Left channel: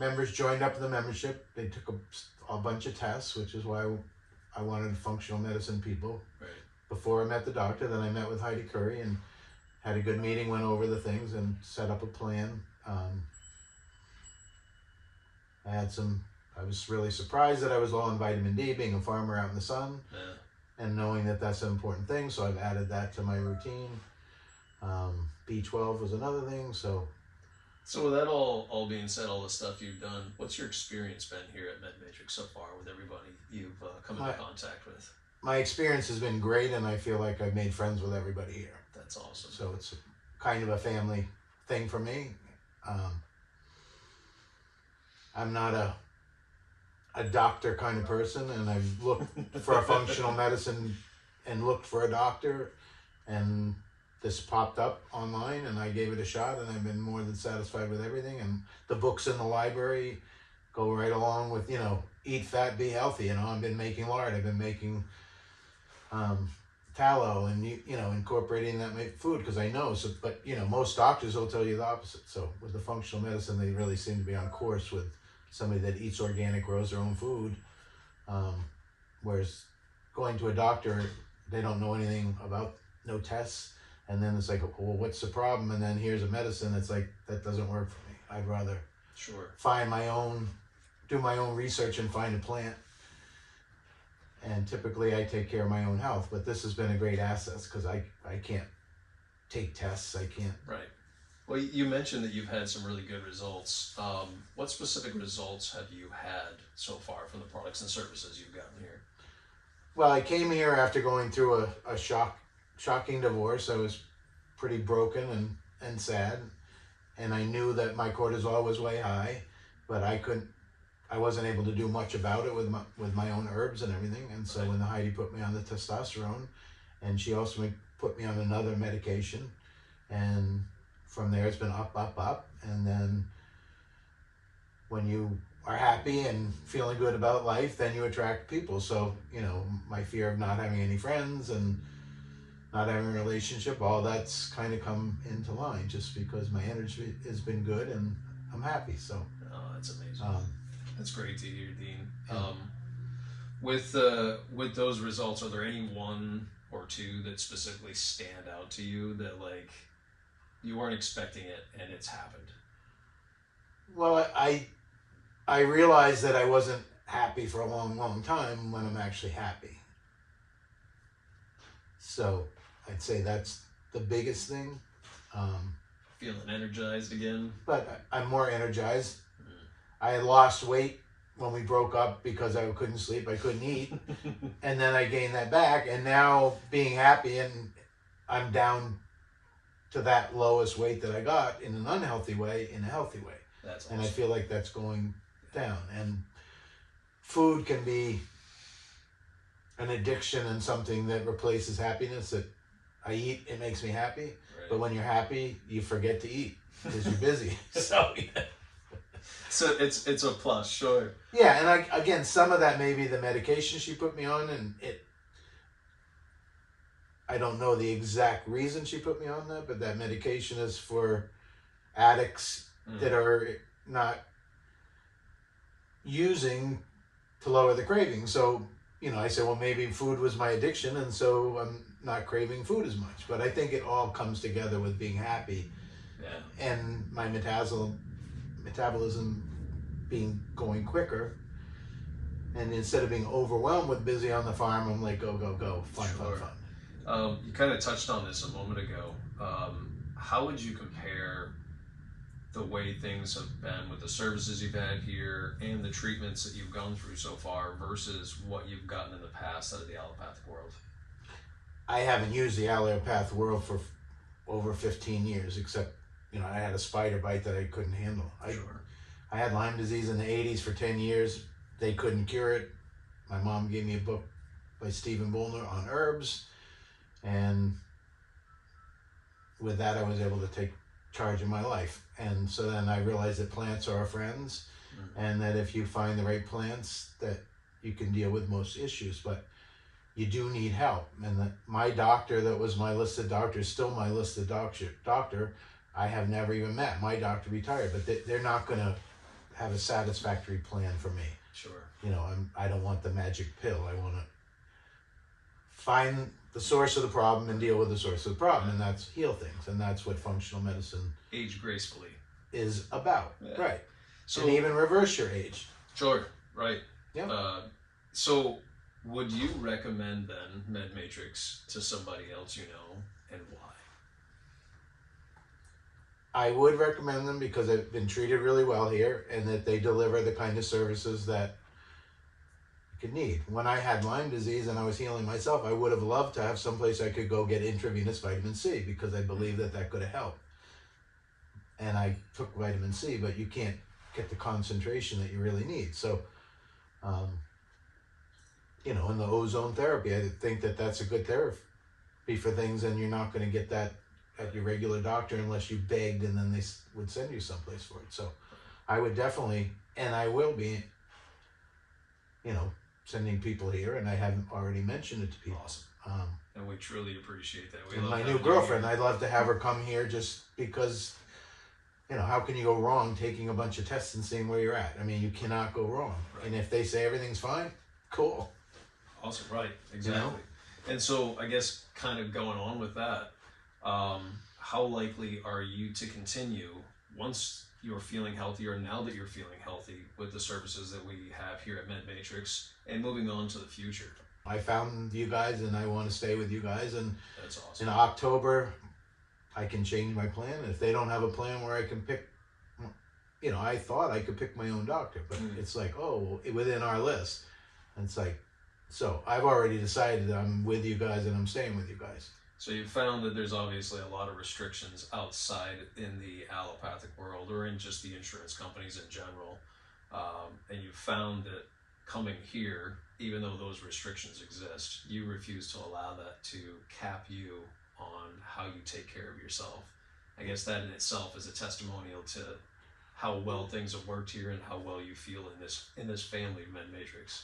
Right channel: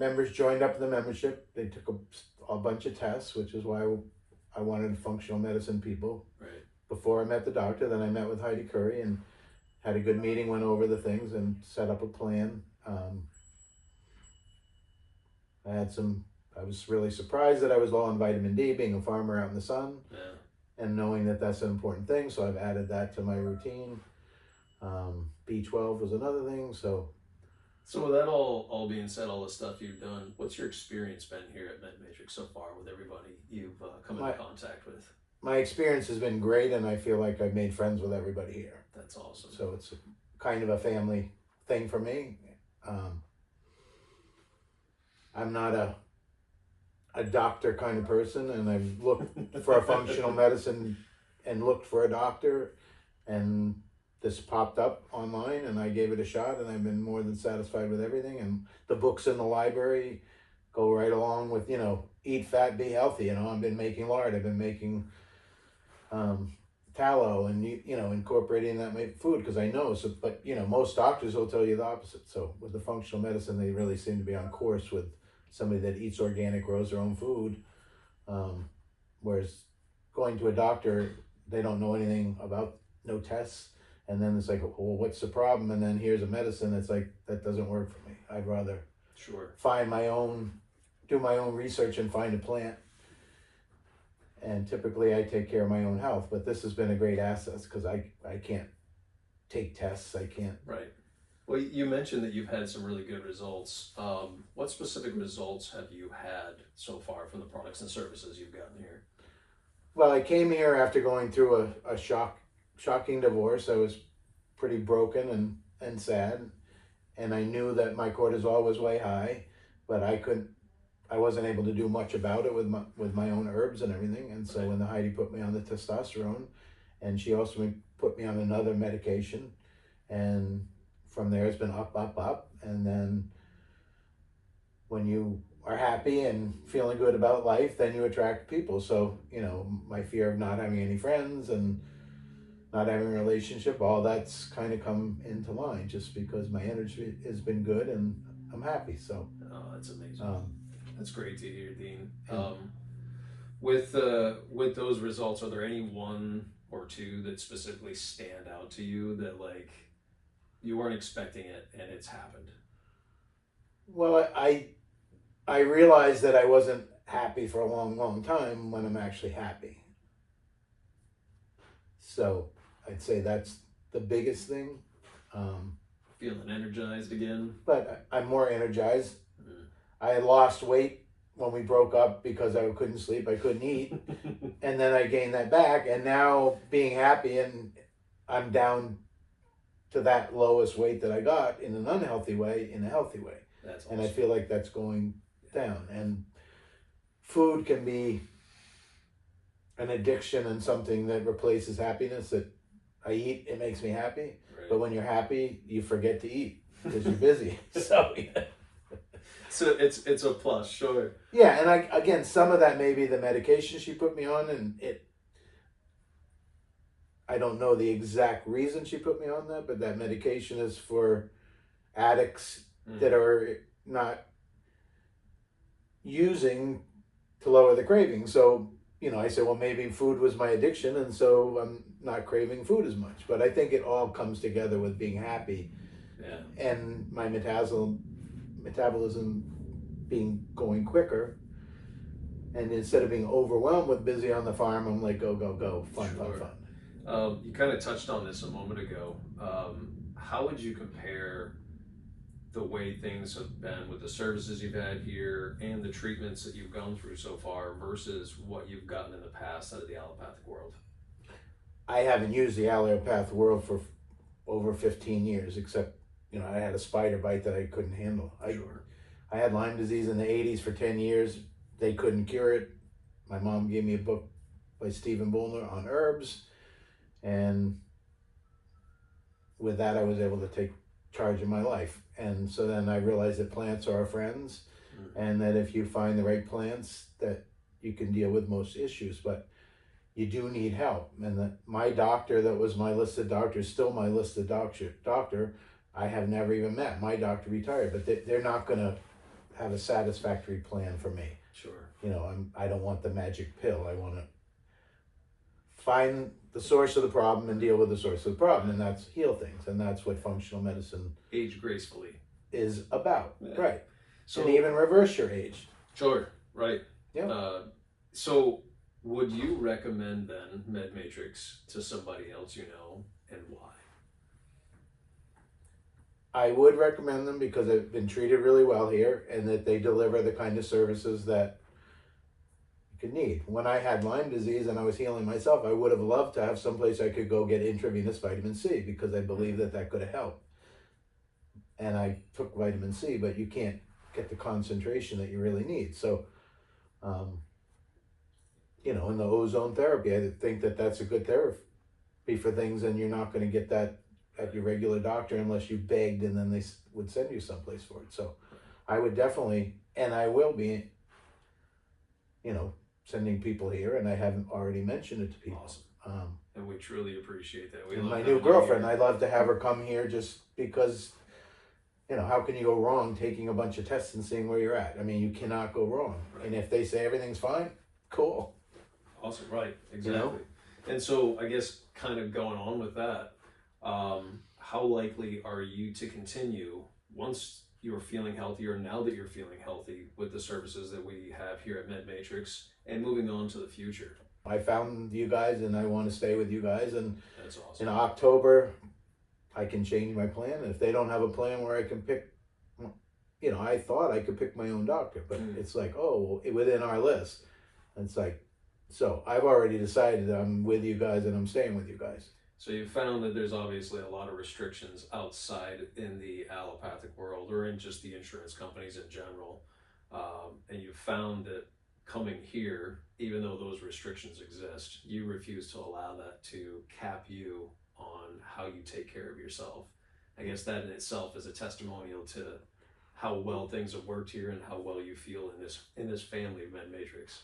members joined up in the membership. They took a bunch of tests, which is why I wanted functional medicine people. Right. Before I met the doctor, then I met with Heidi Curry and had a good meeting, went over the things and set up a plan. I was really surprised that I was low on vitamin D, being a farmer out in the sun, and knowing that that's an important thing. So I've added that to my routine. B12 was another thing. So with that all being said, all the stuff you've done, what's your experience been here at MedMatrix so far with everybody you've come into contact with? My experience has been great, and I feel like I've made friends with everybody here. That's awesome. So it's kind of a family thing for me. I'm not a doctor kind of person, and I've looked for a functional medicine and looked for a doctor, and this popped up online, and I gave it a shot, and I've been more than satisfied with everything. And the books in the library go right along with, eat fat, be healthy. I've been making lard, I've been making tallow, and incorporating that in my food because I know. So, but most doctors will tell you the opposite. So with the functional medicine, they really seem to be on course with somebody that eats organic, grows their own food. Whereas going to a doctor, they don't know anything about, no tests, and then it's like, well, what's the problem? And then here's a medicine that's like, that doesn't work for me. I'd rather do my own research and find a plant. And typically I take care of my own health, but this has been a great asset because I can't take tests. I can't. Right. Well, you mentioned that you've had some really good results. What specific results have you had so far from the products and services you've gotten here? Well, I came here after going through a shocking divorce. I was pretty broken and sad, and I knew that my cortisol was way high, but I wasn't able to do much about it with my own herbs and everything. And so when Heidi put me on the testosterone, and she also put me on another medication, and from there it's been up, and then when you are happy and feeling good about life, then you attract people. So my fear of not having any friends and not having a relationship, all that's kind of come into line just because my energy has been good and I'm happy. So that's amazing. That's great to hear, Dean. With those results, are there any one or two that specifically stand out to you that you weren't expecting it and it's happened? Well, I realized that I wasn't happy for a long time when I'm actually happy. So I'd say that's the biggest thing. Feeling energized again? But I'm more energized. I had lost weight when we broke up because I couldn't sleep, I couldn't eat. And then I gained that back, and now being happy, and I'm down to that lowest weight that I got in an unhealthy way, in a healthy way. That's awesome. And I feel like that's going down. And food can be an addiction and something that replaces happiness. That I eat, it makes me happy. Right. But when you're happy, you forget to eat because you're busy. So it's a plus, sure. Yeah, and again, some of that may be the medication she put me on, and I don't know the exact reason she put me on that, but that medication is for addicts that are not using to lower the craving. So, I said, well, maybe food was my addiction, and so I'm not craving food as much. But I think it all comes together with being happy. Yeah. And my metabolism going quicker, and instead of being overwhelmed with busy on the farm, I'm like, go, fun. You kind of touched on this a moment ago. How would you compare the way things have been with the services you've had here and the treatments that you've gone through so far versus what you've gotten in the past out of the allopathic world? I haven't used the allopathic world for over 15 years, except I had a spider bite that I couldn't handle. I had Lyme disease in the 80s for 10 years. They couldn't cure it. My mom gave me a book by Stephen Bullner on herbs. And with that, I was able to take charge of my life. And so then I realized that plants are our friends, and that if you find the right plants, that you can deal with most issues. But you do need help. And my doctor that was my listed doctor is still my listed doctor. I have never even met. My doctor retired, but they're not going to have a satisfactory plan for me. Sure. I don't want the magic pill. I want to find the source of the problem and deal with the source of the problem, and that's heal things, and that's what functional medicine Age gracefully is about. Yeah. Right. So and even reverse your age. Sure. Right. Yeah. So would you recommend then MedMatrix to somebody else you know, and why? I would recommend them because they've been treated really well here, and that they deliver the kind of services that you could need. When I had Lyme disease and I was healing myself, I would have loved to have someplace I could go get intravenous vitamin C, because I believe that could have helped. And I took vitamin C, but you can't get the concentration that you really need. So, in the ozone therapy, I think that's a good therapy for things, and you're not going to get that at your regular doctor unless you begged, and then they would send you someplace for it. So I would definitely, and I will be, sending people here, and I haven't already mentioned it to people. Awesome. And we truly appreciate that. And my new girlfriend, I'd love to have her come here just because, how can you go wrong taking a bunch of tests and seeing where you're at? I mean, you cannot go wrong. Right. And if they say everything's fine, cool. Awesome, right, exactly. And so I guess kind of going on with that, how likely are you to continue once you're feeling healthy, or now that you're feeling healthy, with the services that we have here at MedMatrix, and moving on to the future? I found you guys, and I want to stay with you guys, and that's awesome. In October I can change my plan. And if they don't have a plan where I can pick, I thought I could pick my own doctor, but it's like, within our list. And it's like, so I've already decided that I'm with you guys, and I'm staying with you guys. So you've found that there's obviously a lot of restrictions outside in the allopathic world, or in just the insurance companies in general. And you found that coming here, even though those restrictions exist, you refuse to allow that to cap you on how you take care of yourself. I guess that in itself is a testimonial to how well things have worked here, and how well you feel in this family of MedMatrix.